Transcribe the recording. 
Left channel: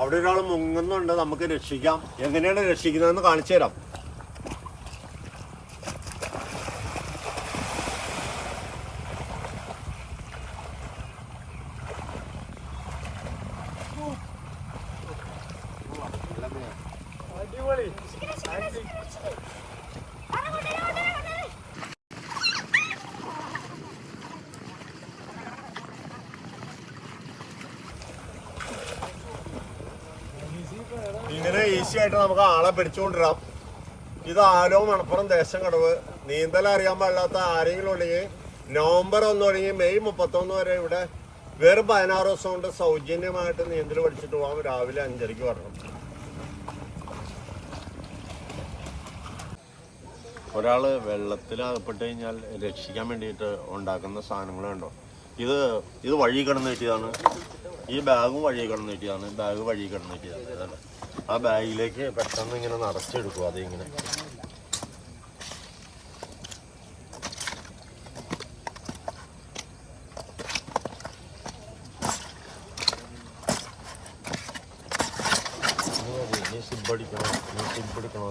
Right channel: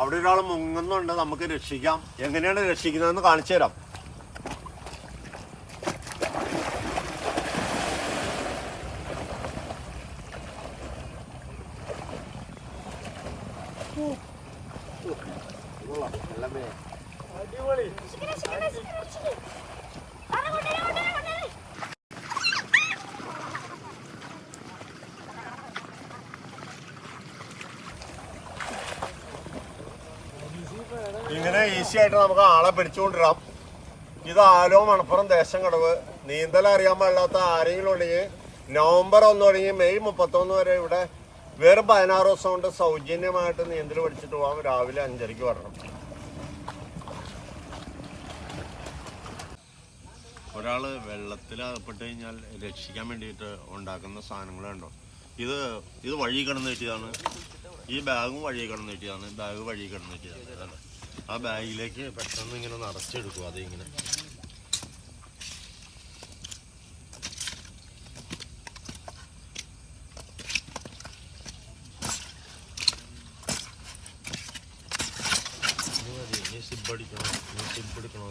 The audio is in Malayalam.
അവിടെ ഒരാൾ മുങ്ങുന്നുണ്ട്, നമുക്ക് രക്ഷിക്കാം. എങ്ങനെയാണ് രക്ഷിക്കുന്നതെന്ന് കാണിച്ചു തരാം. ഇങ്ങനെ ഈസി ആയിട്ട് നമുക്ക് ആളെ പിടിച്ചുകൊണ്ടിരാം. ഇത് ആലോ മണപ്പുറം ദേശം കടവ്. നീന്തൽ അറിയാൻ പാടില്ലാത്ത ആരെങ്കിലും ഉണ്ടെങ്കിൽ നവംബർ 1 തുടങ്ങി മെയ് 31 വരെ ഇവിടെ വെറും 16 ദിവസം കൊണ്ട് സൗജന്യമായിട്ട് നീന്തൽ പഠിച്ചിട്ട് പോകാം. രാവിലെ 5:30 വരണം. ഒരാൾ വെള്ളത്തിൽ അകപ്പെട്ട് കഴിഞ്ഞാൽ രക്ഷിക്കാൻ വേണ്ടിയിട്ട് ഉണ്ടാക്കുന്ന സാധനങ്ങളുണ്ടോ? ഇത് വഴി കിടന്ന് കിട്ടിയതാണ്. ഈ ബാഗും വഴി കിടന്ന് കിട്ടിയതാണ്. ബാഗ് വഴി കിടന്ന് കിട്ടിയതാണ്. അതല്ല, ആ ബാഗിലേക്ക് പെട്ടെന്ന് ഇങ്ങനെ നിറച്ചെടുക്കും. അതിങ്ങനെ സിബടിക്കണോ